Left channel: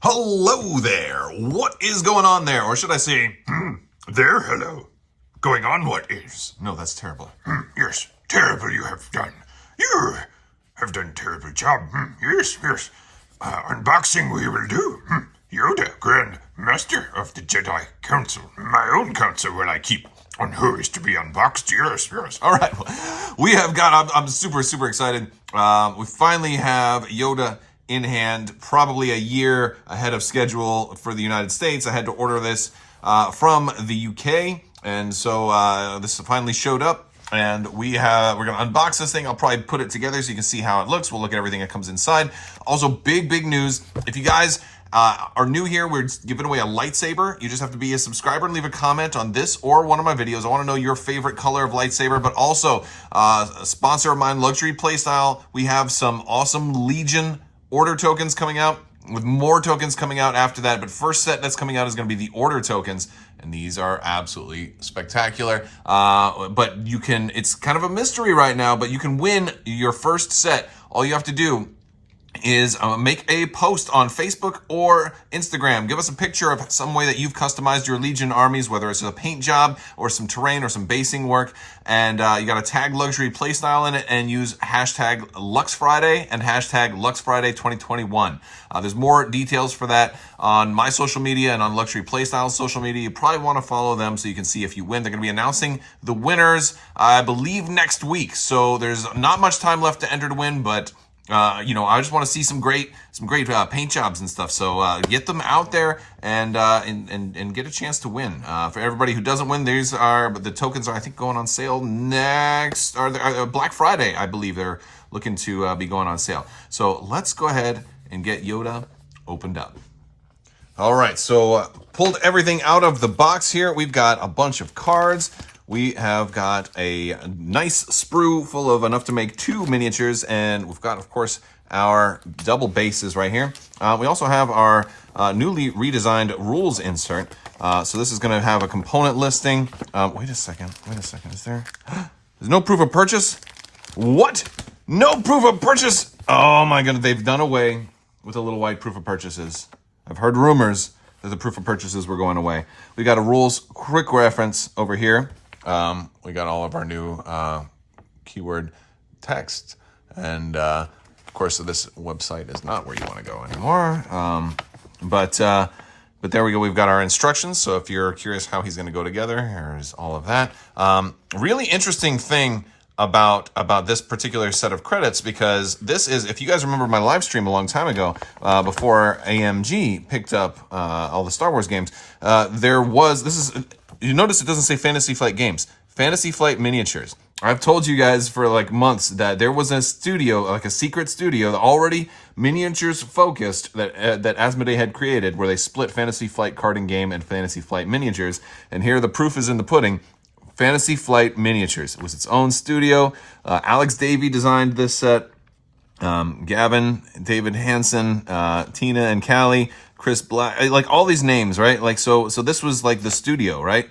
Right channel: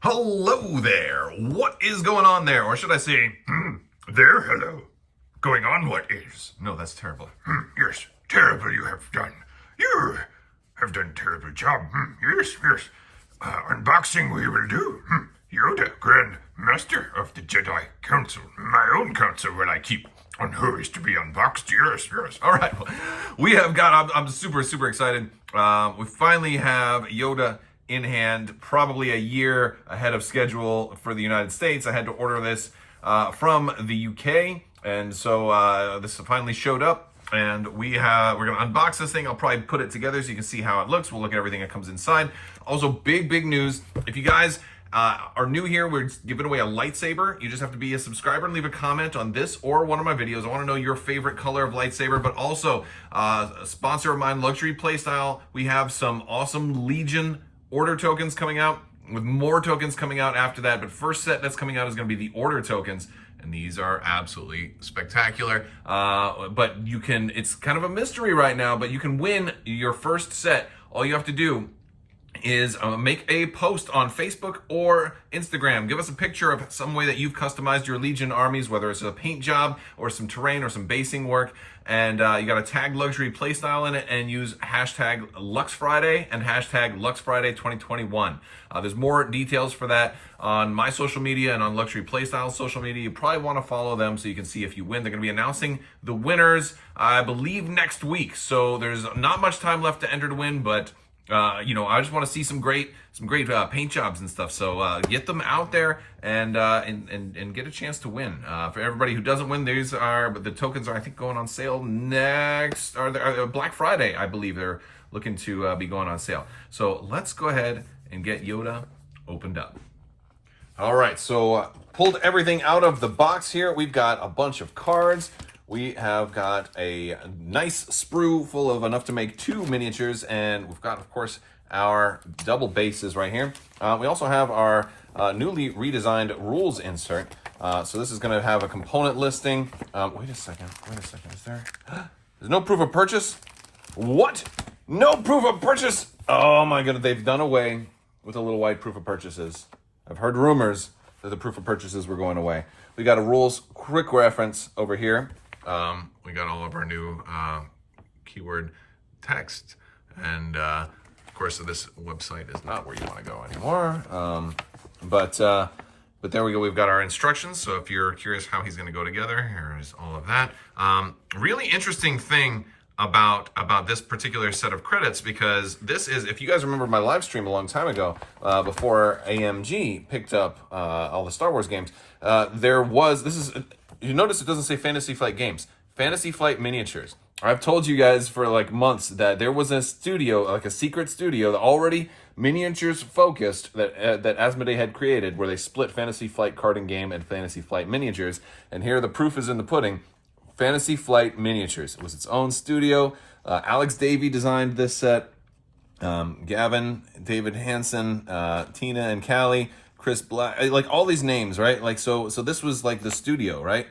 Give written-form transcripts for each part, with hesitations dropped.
Hello there. What is going on there? Or should I say, there, hello. Going on what is? No, that's terrible. Yes, terrible you have done. You have done terrible job. Yes. Unboxing we will do. Yoda, Grandmaster of the Jedi Council. My own council will I keep on who is to be unboxed. Yes. All right. We have got, I'm super excited. We finally have Yoda in hand, probably a year ahead of schedule for the United States. I had to order this from the UK, and so this finally showed up, and we're gonna unbox this thing. I'll probably put it together so you can see how it looks. We'll look at everything that comes inside. Also, big news. If you guys are new here, we're giving away a lightsaber. You just have to be a subscriber and leave a comment on this or one of my videos. I want to know your favorite color of lightsaber, but also a sponsor of mine, Luxury Playstyle. We have some awesome Legion order tokens coming out, with more tokens coming out after that. But first set that's coming out is going to be the order tokens, and these are absolutely spectacular. But you can, it's kind of a mystery right now, but you can win your first set. All you have to do is make a post on Facebook or Instagram. Give us a picture of some way that you've customized your Legion armies, whether it's a paint job or some terrain or some basing work. And you got to tag Luxury Playstyle in it and use hashtag LuxFriday and hashtag LuxFriday 2021. There's more details for that on my social media and on Luxury Playstyle's social media. You probably want to follow them so you can see if you win. They're going to be announcing the winners, I believe, next week. So there's not much time left to enter to win, but I just want to see some great paint jobs and stuff. So get them out there and get a chance to win. For everybody who doesn't win, the tokens are, I think, going on sale next, or Black Friday, I believe they're looking to be going on sale. So let's go ahead and get Yoda opened up. All right, so pulled everything out of the box here. We've got a bunch of cards. We have got a nice sprue full of enough to make 2 miniatures, and we've got, of course, our double bases right here. We also have our newly redesigned rules insert. So this is going to have a component listing. Wait a second. Is there's no proof of purchase? What? No proof of purchase? Oh my goodness, they've done away with the little white proof of purchases. I've heard rumors that the proof of purchases were going away. We got a rules quick reference over here. We got all of our new keyword text, and of course this website is not where you want to go anymore. But there we go. We've got our instructions. So if you're curious how he's going to go together, here's all of that. Really interesting thing about this particular set of credits, because this is, if you guys remember my live stream a long time ago, before AMG picked up all the Star Wars games, you notice it doesn't say Fantasy Flight Games, Fantasy Flight Miniatures. I've told you guys for like months that there was a studio, like a secret studio, already miniatures focused, that Asmodee had created, where they split Fantasy Flight Carding Game and Fantasy Flight Miniatures. And here the proof is in the pudding. Fantasy Flight Miniatures. It was its own studio. Alex Davey designed this set. Gavin, David Hansen, Tina and Callie, Chris Black, like all these names, right? Like so this was like the studio, right?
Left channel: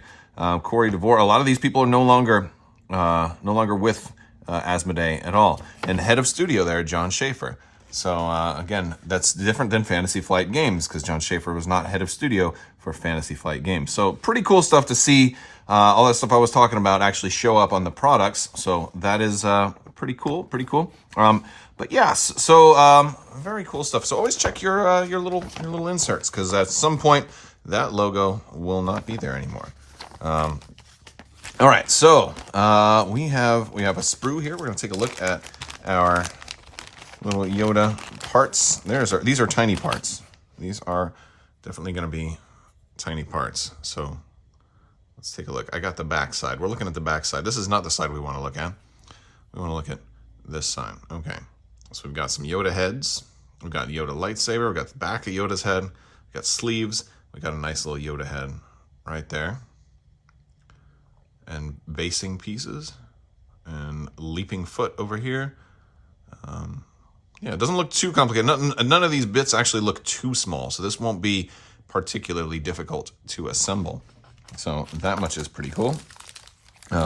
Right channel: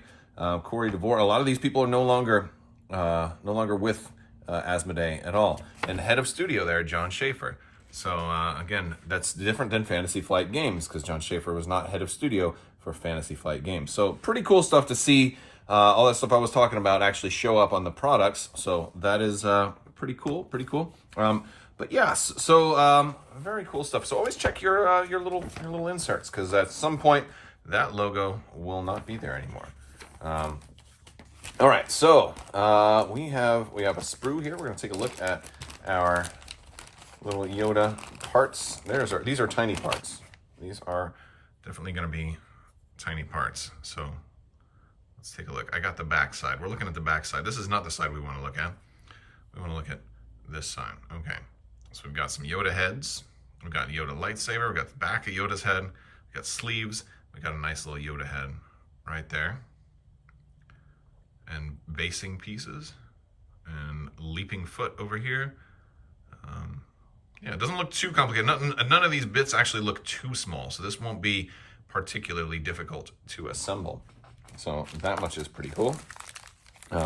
Corey DeVore. A lot of these people are no longer with Asmodee at all. And head of studio there, John Schaefer. So again, that's different than Fantasy Flight Games, because John Schaefer was not head of studio for Fantasy Flight Games. So pretty cool stuff to see. All that stuff I was talking about actually show up on the products. So that is pretty cool. But yes, so very cool stuff. So always check your little inserts, because at some point that logo will not be there anymore. All right, so we have a sprue here. We're going to take a look at our little Yoda parts. These are tiny parts. These are definitely going to be tiny parts. So let's take a look. I got the back side. We're looking at the back side. This is not the side we want to look at. We want to look at this side. Okay. So we've got some Yoda heads. We've got Yoda lightsaber. We've got the back of Yoda's head. We've got sleeves. We've got a nice little Yoda head right there. And basing pieces. And leaping foot over here. Yeah, it doesn't look too complicated. None of these bits actually look too small. So this won't be particularly difficult to assemble. So that much is pretty cool.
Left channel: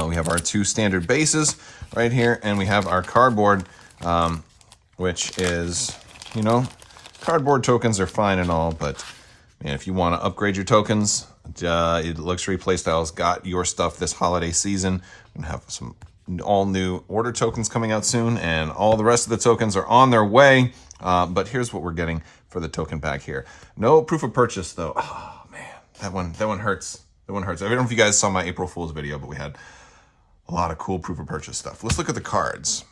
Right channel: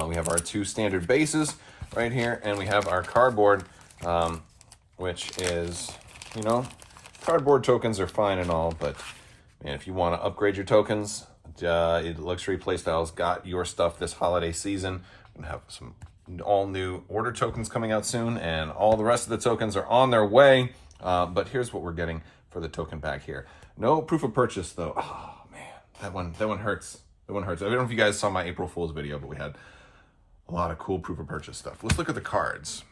We have our 2 standard bases right here, and we have our cardboard, which is, Cardboard tokens are fine and all, but man, if you want to upgrade your tokens, Luxury Playstyle's got your stuff this holiday season. We're gonna have some all new order tokens coming out soon, and all the rest of the tokens are on their way. But here's what we're getting for the token pack here. No proof of purchase though. Oh man, that one hurts. That one hurts. I don't know if you guys saw my April Fool's video, but we had a lot of cool proof of purchase stuff. Let's look at the cards.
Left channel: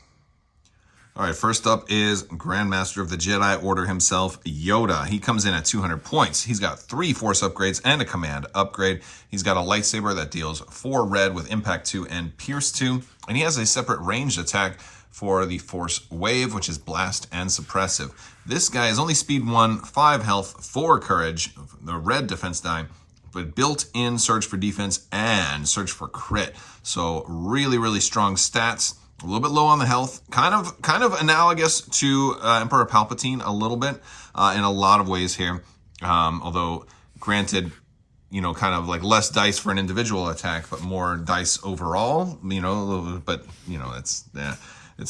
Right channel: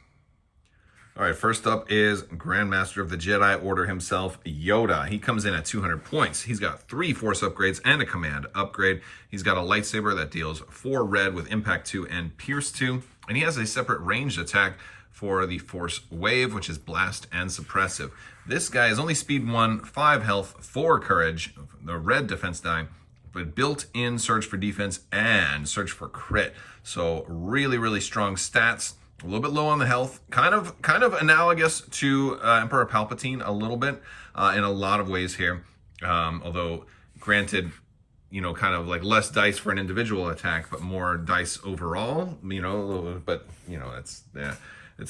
All right, first up is Grandmaster of the Jedi Order himself, Yoda. He comes in at 200 points. He's got 3 Force upgrades and a Command upgrade. He's got a lightsaber that deals 4 red with Impact 2 and Pierce 2. And he has a separate ranged attack for the Force Wave, which is Blast and Suppressive. This guy is only speed 1, 5 health, 4 courage, the red defense die, but built-in Surge for defense and Surge for crit. So really, really strong stats. A little bit low on the health, kind of analogous to Emperor Palpatine a little bit in a lot of ways here. Although, granted, you know, kind of like less dice for an individual attack, but more dice overall. You know, but you know, it's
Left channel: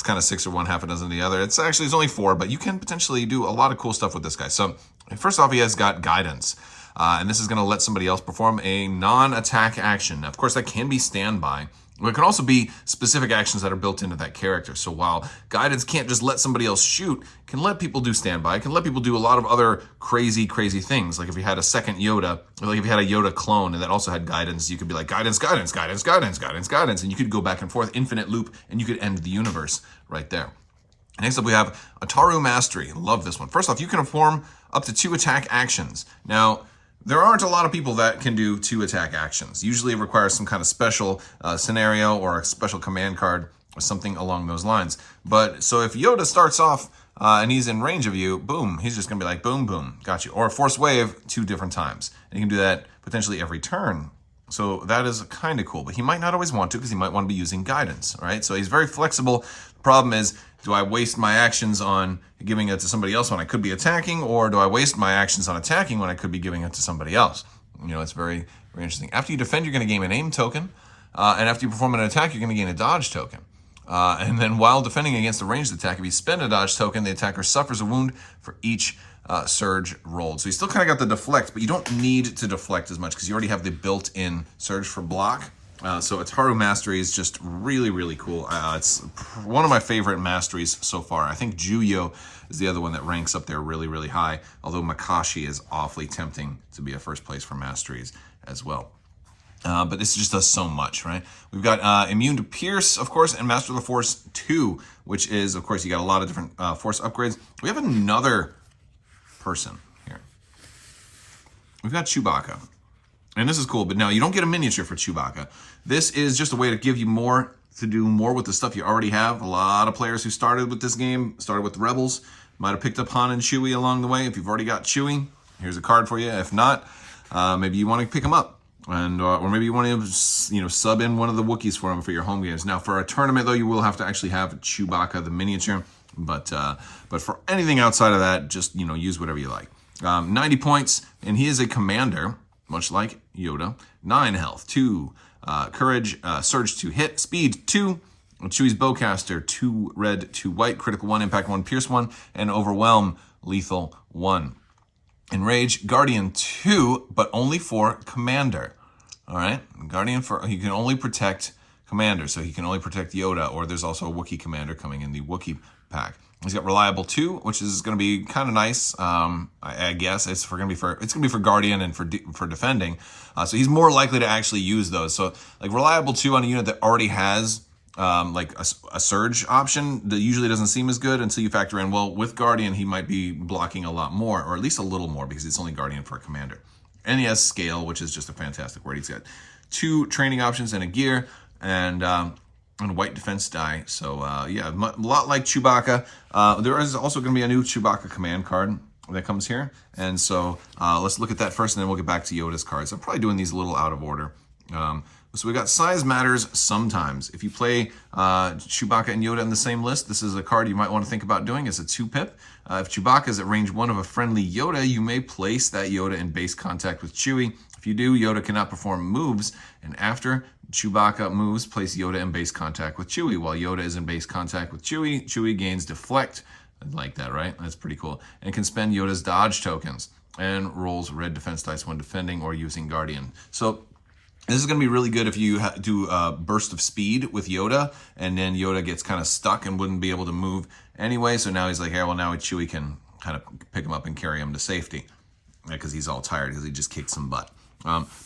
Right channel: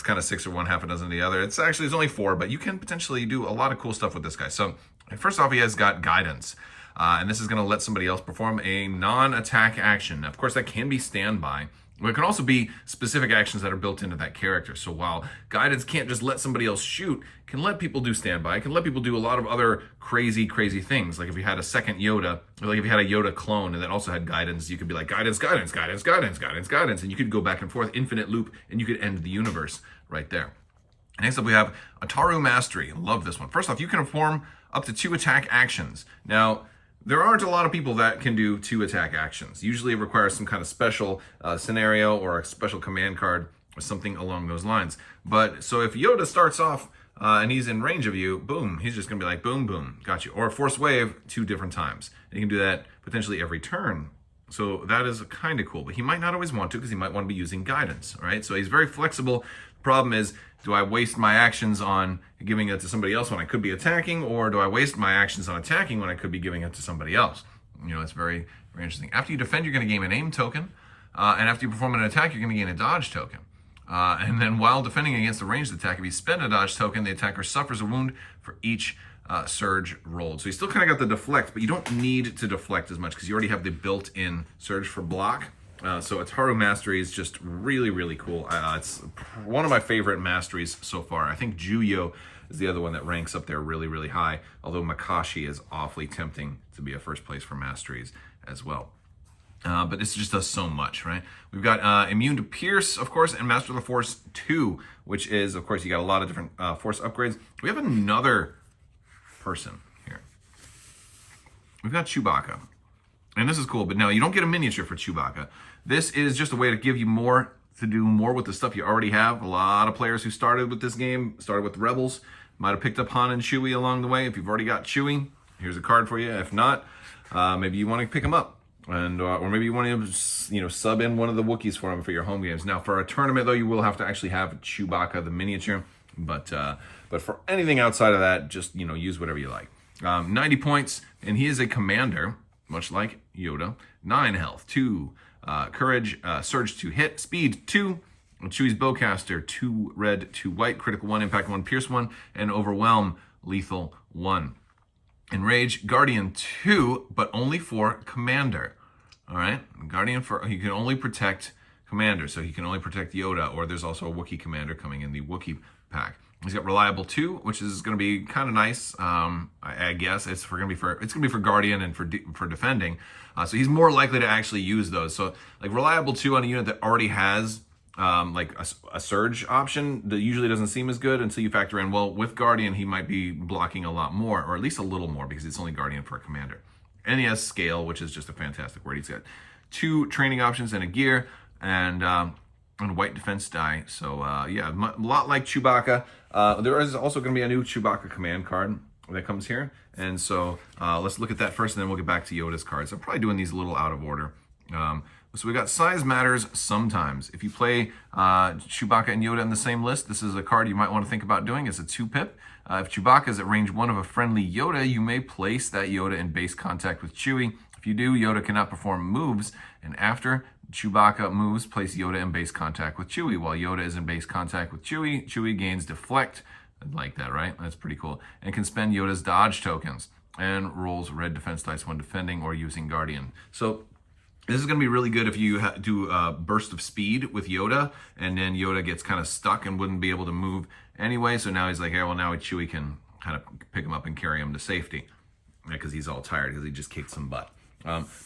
kind of 6 or 1, half a dozen the other. It's only 4, but you can potentially do a lot of cool stuff with this guy. So first off, he has got guidance. And this is going to let somebody else perform a non-attack action. Of course, that can be standby. It can also be specific actions that are built into that character. So while guidance can't just let somebody else shoot, it can let people do standby. It can let people do a lot of other crazy, crazy things. Like if you had a second Yoda, or like if you had a Yoda clone and that also had guidance, you could be like guidance, guidance, guidance, guidance, guidance, guidance, and you could go back and forth, infinite loop, and you could end the universe right there. Next up, we have Ataro Mastery. Love this one. First off, you can perform up to 2 attack actions. Now, there aren't a lot of people that can do 2 attack actions. Usually it requires some kind of special scenario or a special command card or something along those lines. But so if Yoda starts off and he's in range of you, boom, he's just gonna be like, boom, boom, got you. Or a Force Wave 2 different times. And you can do that potentially every turn. So that is kind of cool, but he might not always want to because he might want to be using guidance, all right? So he's very flexible. The problem is, do I waste my actions on giving it to somebody else when I could be attacking, or do I waste my actions on attacking when I could be giving it to somebody else? You know, it's very, very interesting. After you defend, you're going to gain an aim token, and after you perform an attack, you're going to gain a dodge token. And then while defending against a ranged attack, if you spend a dodge token, the attacker suffers a wound for each surge rolled. So you still kind of got the deflect, but you don't need to deflect as much because you already have the built-in surge for block. So Ataro Mastery is just really, really cool. It's one of my favorite masteries so far. I think Juyo is the other one that ranks up there really, really high, although Makashi is awfully tempting to be a first place for masteries as well. But this just does so much, right? We've got Immune to Pierce, of course, and Master of the Force 2, which is, of course, you got a lot of different Force upgrades. We have another person here. We've got Chewbacca. And this is cool, but no, you don't get a miniature for Chewbacca. This is just a way to give you more, to do more with the stuff you already have. A lot of players who started with this game, started with the Rebels, might have picked up Han and Chewie along the way. If you've already got Chewie, here's a card for you. If not, maybe you want to pick them up. And or maybe you want to, you know, sub in one of the Wookiees for them for your home games. Now, for a tournament, though, you will have to actually have Chewbacca, the miniature. But for anything outside of that, just, you know, use whatever you like. 90 points, and he is a commander, much like Yoda. 9 health, 2 courage, surge 2 hit, speed 2. Chewie's bowcaster, 2 red, 2 white, critical 1, impact 1, pierce 1, and overwhelm, lethal 1. Enrage, guardian 2, but only for commander. All right, guardian he can only protect commander, so he can only protect Yoda, or there's also a Wookiee commander coming in the Wookiee pack. He's got reliable 2, which is going to be kind of nice. I guess it's going to be for guardian and for defending. So he's more likely to actually use those. So like reliable 2 on a unit that already has like a surge option that usually doesn't seem as good until you factor in, well, with guardian he might be blocking a lot more, or at least a little more, because it's only guardian for a commander. And he has scale, which is just a fantastic word. He's got 2 training options and a gear, and white defense die. So yeah, a lot like Chewbacca. There is also going to be a new Chewbacca command card that comes here. And so let's look at that first, and then we'll get back to Yoda's cards. I'm probably doing these a little out of order. So we got size matters sometimes. If you play Chewbacca and Yoda in the same list, this is a card you might want to think about doing. It's a 2-pip. If Chewbacca is at range 1 of a friendly Yoda, you may place that Yoda in base contact with Chewie. If you do, Yoda cannot perform moves, and after Chewbacca moves, place Yoda in base contact with Chewie. While Yoda is in base contact with Chewie, Chewie gains deflect I like that, right? That's pretty cool. And can spend Yoda's dodge tokens and rolls red defense dice when defending or using Guardian. So this is going to be really good if you do a burst of speed with Yoda, and then Yoda gets kind of stuck and wouldn't be able to move anyway. So now he's like, hey, well, now Chewie can kind of pick him up and carry him to safety because he's all tired because he just kicked some butt.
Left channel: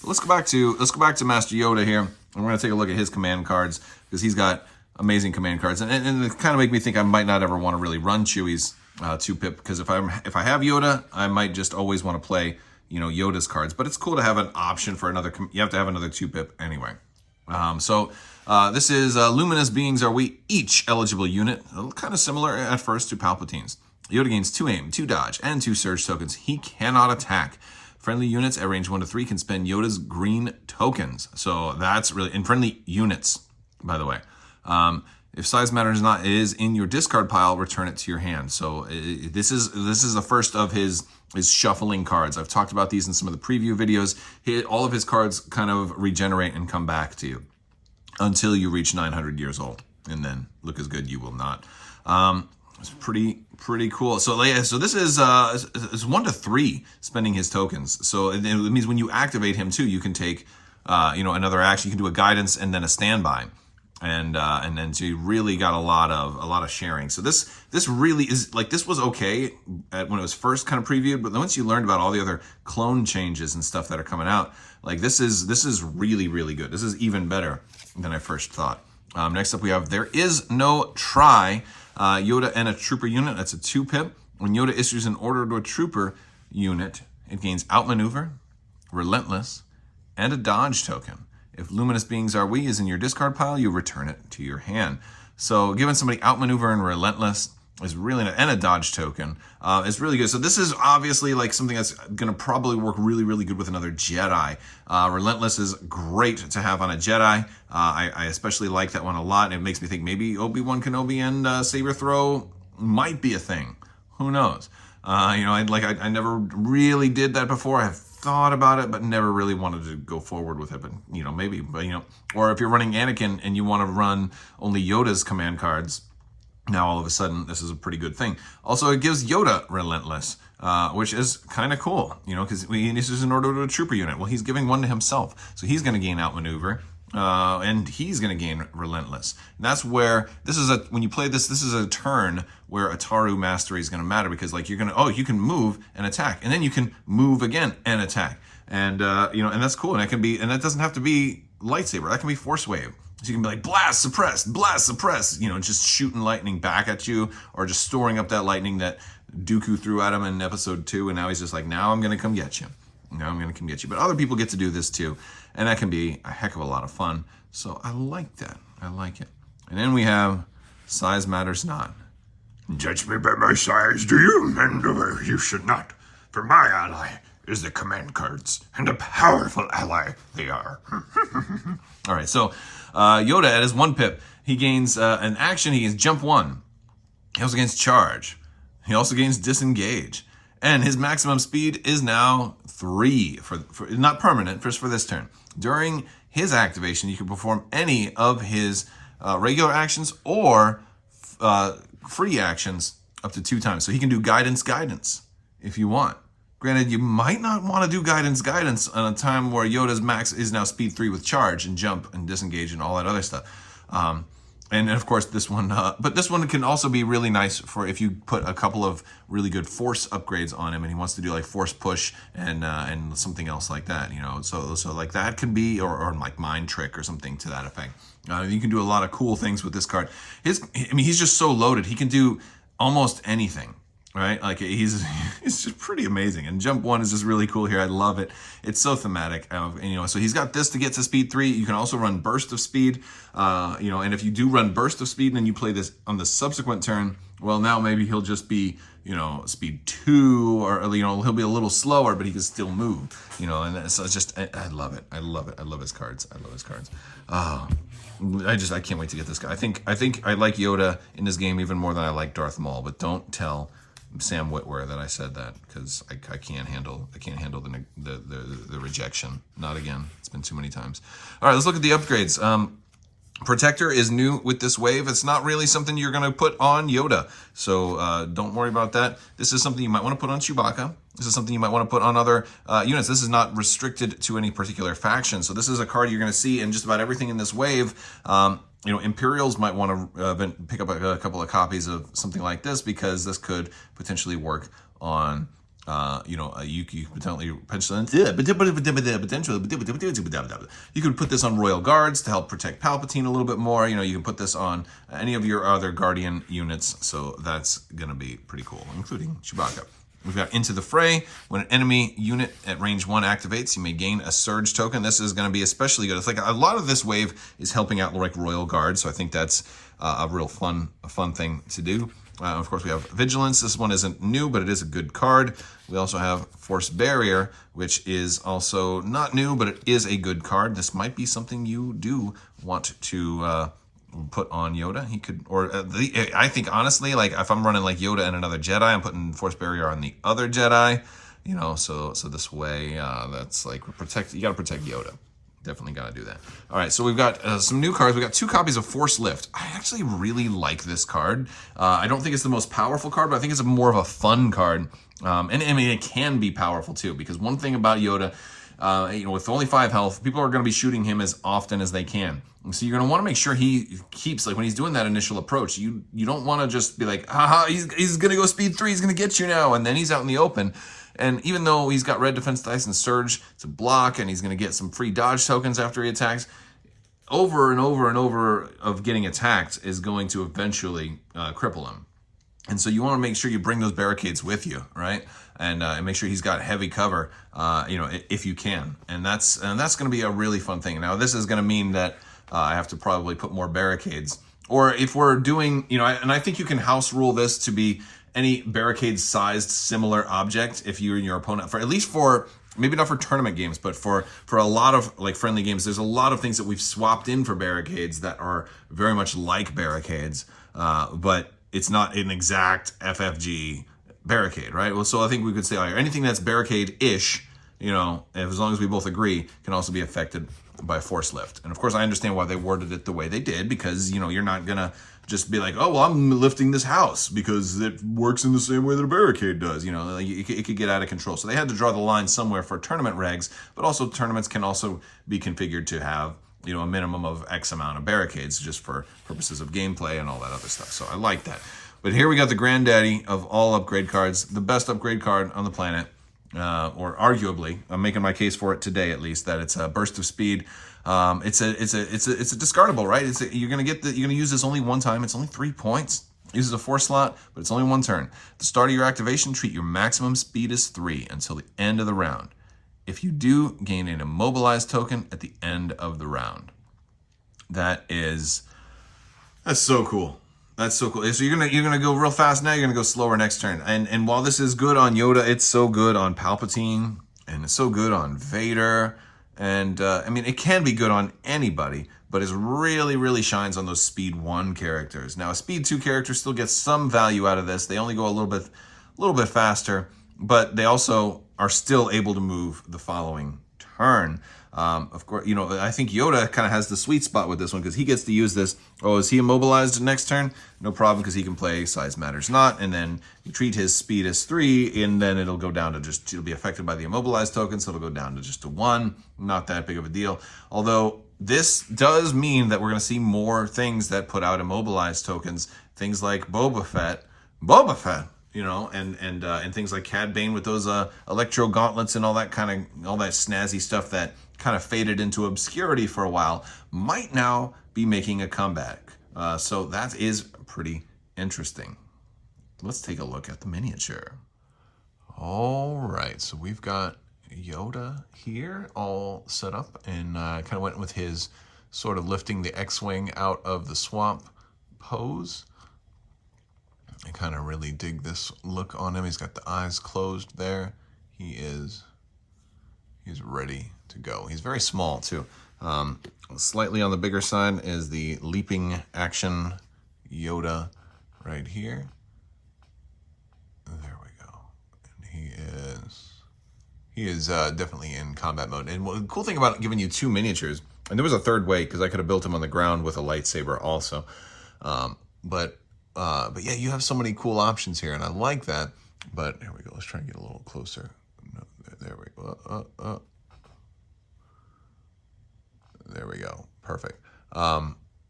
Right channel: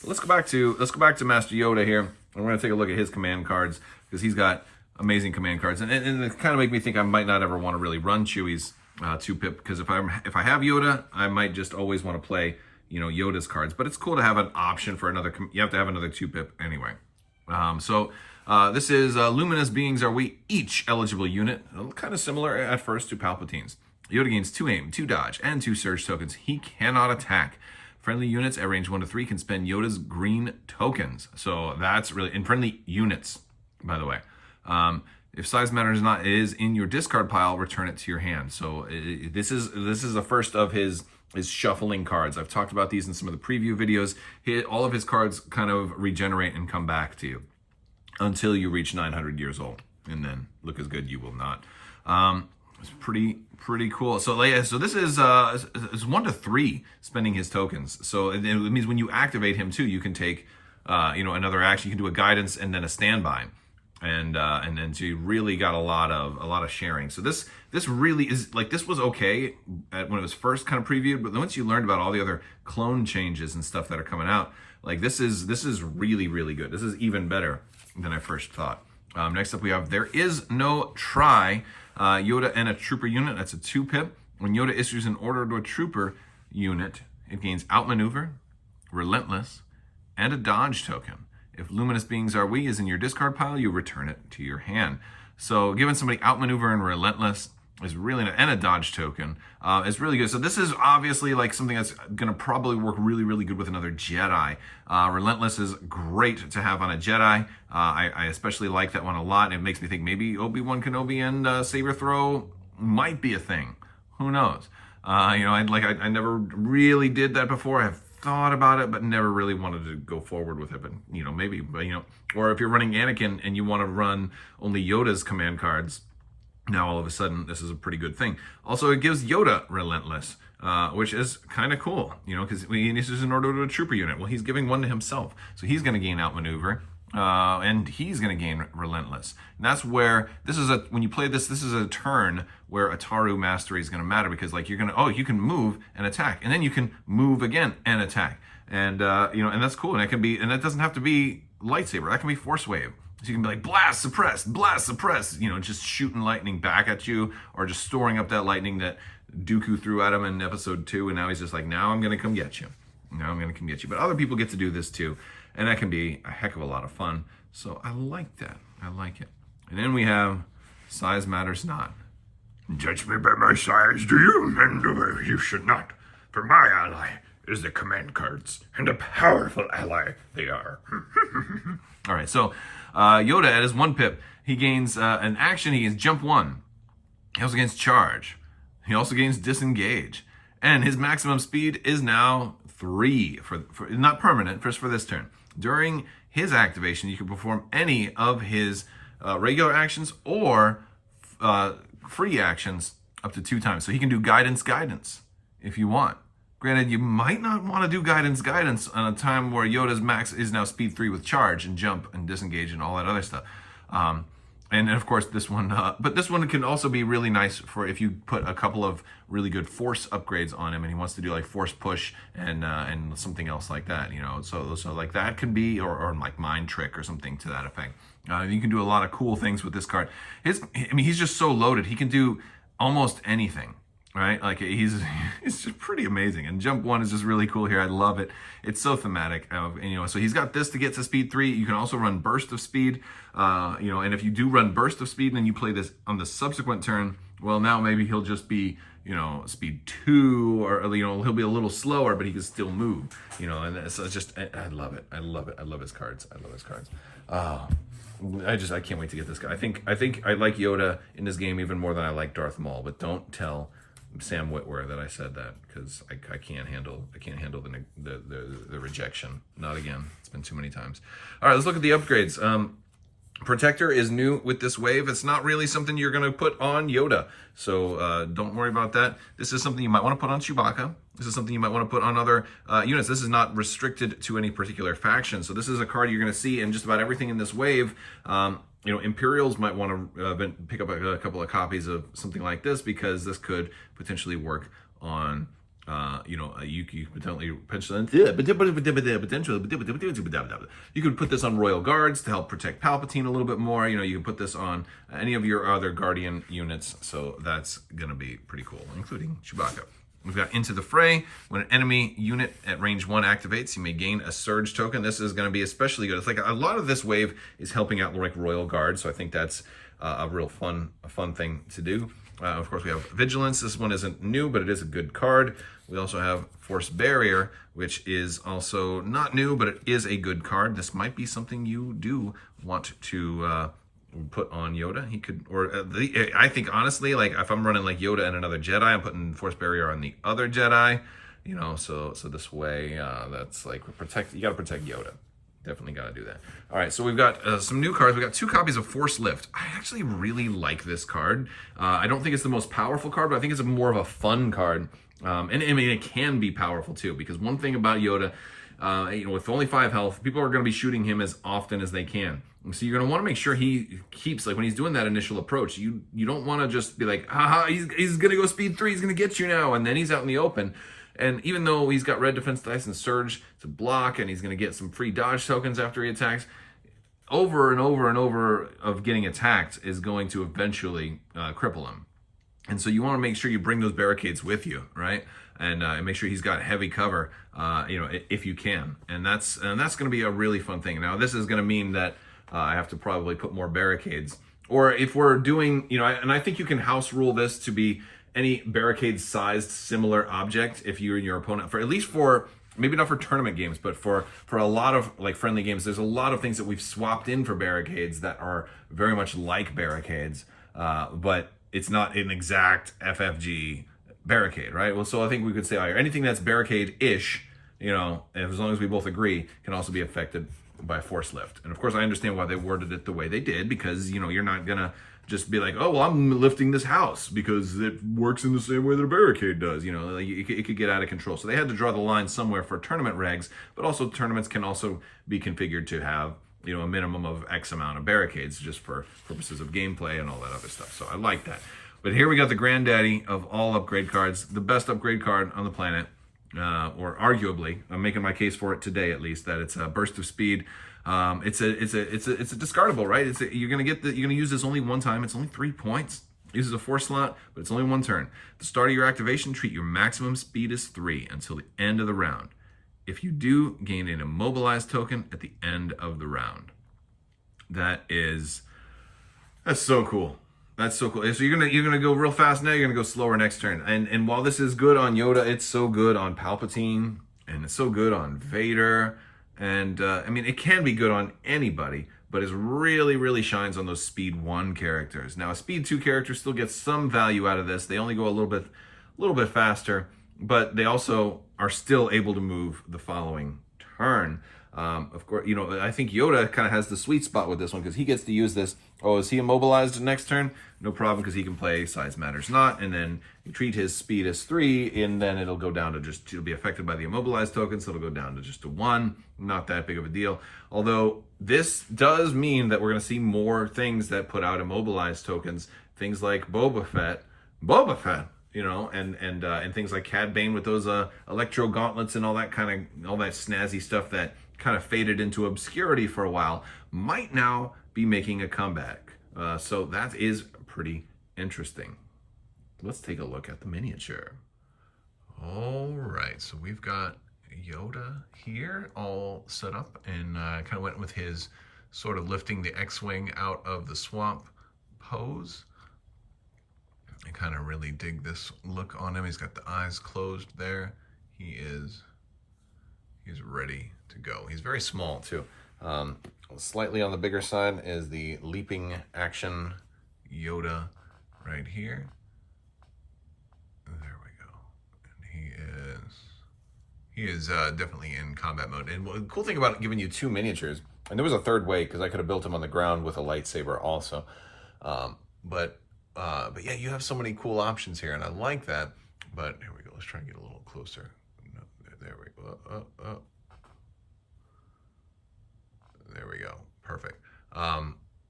Let's go back to Master Yoda here. I'm going to take a look at his command cards because he's got amazing command cards, and it kind of make me think I might not ever want to really run Chewie's 2-pip, because if I have Yoda, I might just always want to play Yoda's cards. But it's cool to have an option for another. You have to have another 2-pip anyway. This is luminous beings are we each eligible unit, kind of similar at first to Palpatine's. Yoda gains 2 aim, 2 dodge, and 2 surge tokens. He cannot attack. Friendly units at range 1 to 3 can spend Yoda's green tokens. So that's really in friendly units, by the way. If size matters not is in your discard pile, return it to your hand. So this is the first of his shuffling cards. I've talked about these in some of the preview videos. All of his cards kind of regenerate and come back to you until you reach 900 years old, and then look as good you will not. It's pretty cool. So this is 1 to 3 spending his tokens. So it means when you activate him too, you can take another action. You can do a guidance and then a standby. And then so you really got a lot of sharing. So this really is like, this was okay when it was first kind of previewed, but then once you learned about all the other clone changes and stuff that are coming out, like this is really, really good. This is even better than I first thought. Next up we have There Is No Try, Yoda and a trooper unit. That's a 2-pip. When Yoda issues an order to a trooper unit, it gains outmaneuver, relentless, and a dodge token. If luminous beings are we is in your discard pile, you return it to your hand. So giving somebody outmaneuver and relentless is really, and a dodge token is really good. So this is obviously like something that's going to probably work really, really good with another Jedi. Relentless is great to have on a Jedi. I especially like that one a lot. And it makes me think maybe Obi-Wan Kenobi and Saber Throw might be a thing. Who knows? I never really did that before. I've thought about it, but never really wanted to go forward with it. But maybe. Or if you're running Anakin and you want to run only Yoda's command cards, now all of a sudden this is a pretty good thing. Also, it gives Yoda relentless, which is kind of cool. Because this is in order to a trooper unit. Well, he's giving one to himself, so he's going to gain outmaneuver. And he's going to gain relentless. And that's where when you play this is a turn where Ataro Mastery is going to matter, because like you can move and attack, and then you can move again and attack, and and that's cool. And that doesn't have to be lightsaber. That can be force wave. So you can be like blast, suppress, just shooting lightning back at you, or just storing up that lightning that Dooku threw at him in episode 2, and now he's just like, now I'm going to come get you. But other people get to do this too. And that can be a heck of a lot of fun. So I like that. I like it. And then we have Size Matters Not. Judge me by my size, do you? And you should not. For my ally is the command cards, and a powerful ally they are. All right, so Yoda at his 1-pip, he gains an action. He gains jump 1. He also gains charge. He also gains disengage. And his maximum speed is now 3, for not permanent, just for this turn. During his activation, you can perform any of his regular actions or free actions up to 2 times. So he can do guidance if you want. Granted, you might not want to do guidance on a time where Yoda's max is now speed 3 with charge and jump and disengage and all that other stuff. And of course, this one, but this one can also be really nice for if you put a couple of really good force upgrades on him, and he wants to do like force push and something else like that, So like that can be, or like mind trick or something to that effect. You can do a lot of cool things with this card. He's just so loaded. He can do almost anything. Right? Like he's just pretty amazing. And jump 1 is just really cool here. I love it. It's so thematic. So he's got this to get to speed 3. You can also run burst of speed. And if you do run burst of speed and you play this on the subsequent turn, well, now maybe he'll just be, speed 2, or he'll be a little slower, but he can still move. And so it's just, I love it. I love it. I love his cards. Oh, I can't wait to get this guy. I think I like Yoda in this game even more than I like Darth Maul, but don't tell Sam Witwer that I said that, because I can't handle the rejection. Not again. It's been too many times. All right, let's look at the upgrades. Protector is new with this wave. It's not really something you're going to put on Yoda, so don't worry about that. This is something you might want to put on Chewbacca. This is something you might want to put on other units. This is not restricted to any particular faction, so this is a card you're going to see in just about everything in this wave. Imperials might want to pick up a couple of copies of something like this, because this could potentially work on you could put this on Royal Guards to help protect Palpatine a little bit more. You can put this on any of your other Guardian units, so that's gonna be pretty cool, including Chewbacca. We've got Into the Fray. When an enemy unit at range 1 activates, you may gain a Surge token. This is going to be especially good. It's like a lot of this wave is helping out like Royal Guard, so I think that's a real fun thing to do. Of course, we have Vigilance. This one isn't new, but it is a good card. We also have Force Barrier, which is also not new, but it is a good card. This might be something you do want to put on Yoda. He could, I think honestly, like if I'm running like Yoda and another Jedi, I'm putting Force Barrier on the other Jedi. So this way, that's like you gotta protect Yoda. Definitely gotta do that. All right, so we've got some new cards. We've got 2 copies of Force Lift. I actually really like this card. I don't think it's the most powerful card, but I think it's more of a fun card. And I mean, it can be powerful too, because one thing about Yoda, with only 5 health, people are going to be shooting him as often as they can. And so you're going to want to make sure he keeps, like when he's doing that initial approach, you don't want to just be like, haha, he's going to go speed 3, he's going to get you now, and then he's out in the open. And even though he's got red defense dice and surge to block, and he's going to get some free dodge tokens after he attacks, over and over and over of getting attacked is going to eventually cripple him. And so you want to make sure you bring those barricades with you, right? And make sure he's got heavy cover, if you can. And that's going to be a really fun thing. Now, this is going to mean that I have to probably put more barricades. Or if we're doing, and I think you can house rule this to be any barricade-sized similar object if you and your opponent, for at least for, maybe not for tournament games, but for a lot of like friendly games, there's a lot of things that we've swapped in for barricades that are very much like barricades, but it's not an exact FFG barricade, right? Well, so I think we could say anything that's barricade-ish, as long as we both agree, can also be affected by Force Lift. And of course, I understand why they worded it the way they did, because, you're not gonna just be like, oh, well, I'm lifting this house because it works in the same way that a barricade does. It could get out of control. So they had to draw the line somewhere for tournament regs, but also tournaments can also be configured to have, a minimum of X amount of barricades just for purposes of gameplay and all that other stuff. So I like that. But here we got the granddaddy of all upgrade cards, the best upgrade card on the planet, or arguably, I'm making my case for it today at least, that it's a burst of speed. It's a discardable, right? You're gonna use this only one time. It's only 3 points. It uses a 4 slot, but it's only 1 turn. At the start of your activation, treat your maximum speed as 3 until the end of the round. If you do, gain an immobilized token at the end of the round. That's so cool. That's so cool. So you're gonna go real fast now. You're gonna go slower next turn. And while this is good on Yoda, it's so good on Palpatine, and it's so good on Vader. And it can be good on anybody, but it really, really shines on those Speed 1 characters. Now, a Speed 2 character still gets some value out of this. They only go a little bit faster, but they also are still able to move the following turn. Of course, I think Yoda kind of has the sweet spot with this one, because he gets to use this. Oh, is he immobilized next turn? No problem, because he can play Size Matters Not, and then you treat his speed as 3, and then it'll go down to it'll be affected by the immobilized token, so it'll go down to just a 1. Not that big of a deal. Although this does mean that we're going to see more things that put out immobilized tokens, things like Boba Fett, and things like Cad Bane with those electro gauntlets and all that snazzy stuff that kind of faded into obscurity for a while, might now be making a comeback. So that is pretty interesting. Let's take a look at the miniature. All right, so we've got Yoda here all set up, and kind of went with his sort of lifting the X-Wing out of the swamp pose. I kind of really dig this look on him. He's got the eyes closed there. He's ready to go. He's very small too. Slightly on the bigger side is the leaping action Yoda right here. There we go. And he is definitely in combat mode. And the cool thing about giving you 2 miniatures And there was a third way because I could have built him on the ground with a lightsaber also. But yeah, you have so many cool options here, and I like that. But here we go. Let's try and get a little closer. No, there we go. There we go. Perfect.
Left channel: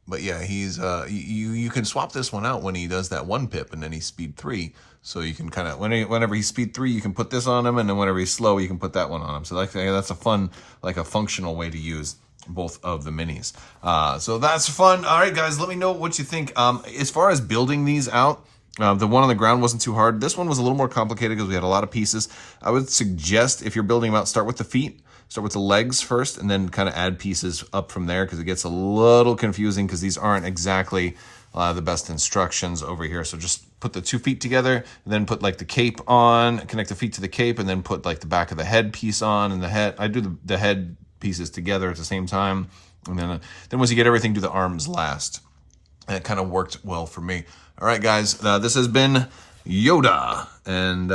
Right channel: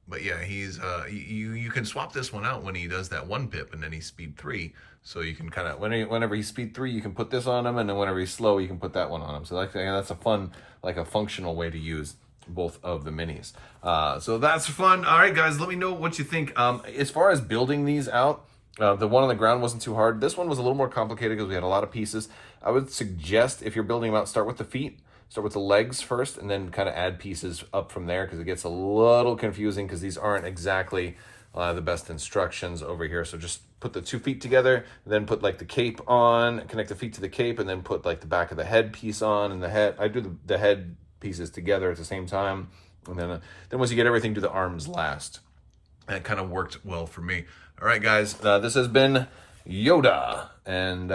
But yeah, he's you can swap this one out when he does that one pip, and then he's speed 3. So you can kind of whenever he's speed 3, you can put this on him, and then whenever he's slow, you can put that one on him. So that's a fun, like a functional way to use both of the minis. So that's fun. All right, guys, let me know what you think. As far as building these out, the one on the ground wasn't too hard. This one was a little more complicated because we had a lot of pieces. I would suggest if you're building them out, start with the feet. Start with the legs first and then kind of add pieces up from there because it gets a little confusing because these aren't exactly the best instructions over here. So just put the 2 feet together and then put like the cape on, connect the feet to the cape, and then put like the back of the head piece on and the head. I do the head pieces together at the same time. And then once you get everything, do the arms last. And it kind of worked well for me. All right, guys, this has been Yoda, and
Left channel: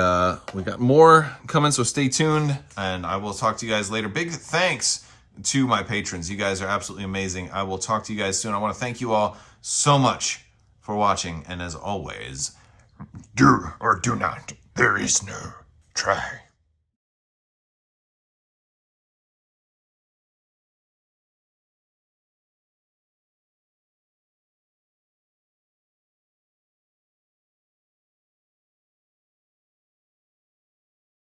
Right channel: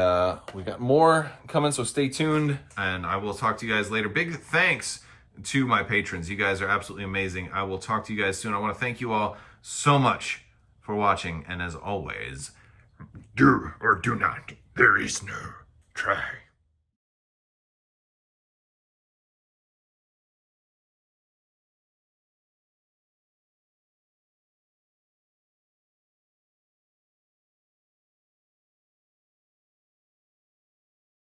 we got more coming, so stay tuned, and I will talk to you guys later. Big thanks to my patrons. You guys are absolutely amazing. I will talk to you guys soon. I want to thank you all so much for watching, and as always, do or do not. There is no try.